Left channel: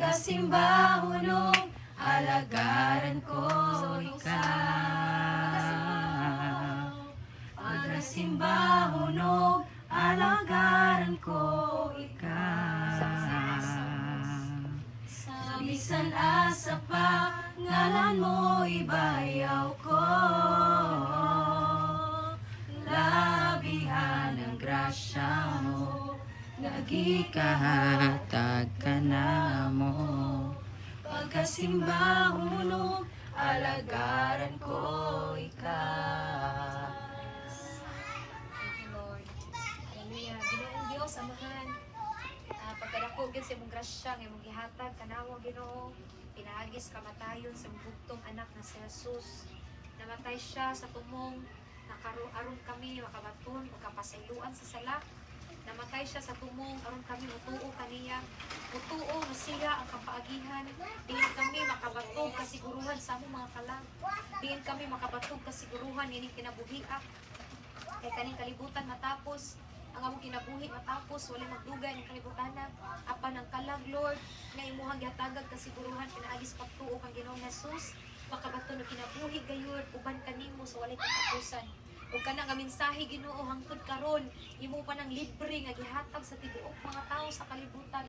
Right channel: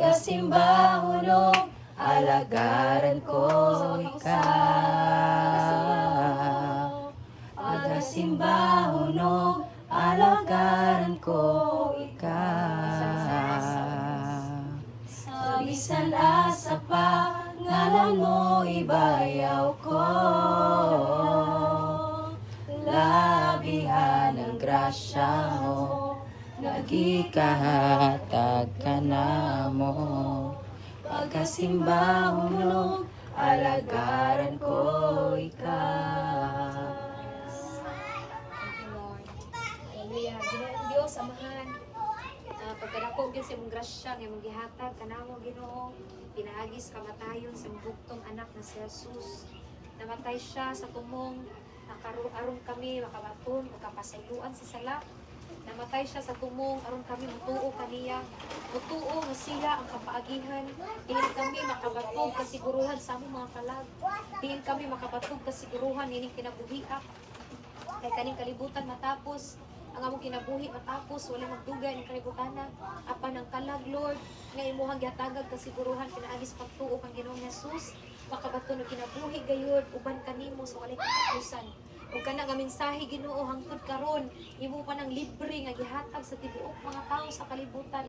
Pagasimba hunog, alagaran ko ikaw. Pagasimba hunog, alagaran ko ikaw. Sa bisan asa pa, ngalan mo ibayaw ko. Labihan ang grasya mo, nga di kahatag ka na mo. Pagkasimba hunog, alagaran ko ikaw. Thank you, Lord. Hallelujah. Ginoong Diyos, Amahan. Pagkadako gyud sa imong grasya nga imong gihatag kanamo Ginoo, pinaagis kamatayon sa bugtong anak na si Jesus. Namatay siya sa tumong aron kami makabaton o kapasayloan sa sala. Namatay siya sa tumong aron kami mutuo kaniya. Mutuo nga siya ang kapaagihan. Dili kami makabatog kasiguruhan sa among mga kalag. Dili kami makabatog kasiguruhan ining kinabuhiak. Kay kaning kalibutan matapos ang among kinabuhi matapos wala magdugay ang kalibutana apan ang kalag Lord nga imuhang gihatagag kasiguruhan pinaagis pagtuo kang Ginoong Hesus makabaton og kinabuhi gayud uban kanimo sa walay katapusan ug kana nga mensahe Ginoo hangtod karon imo pa nang libre nga gihatag sa tibuok mga tao sa kalibutan.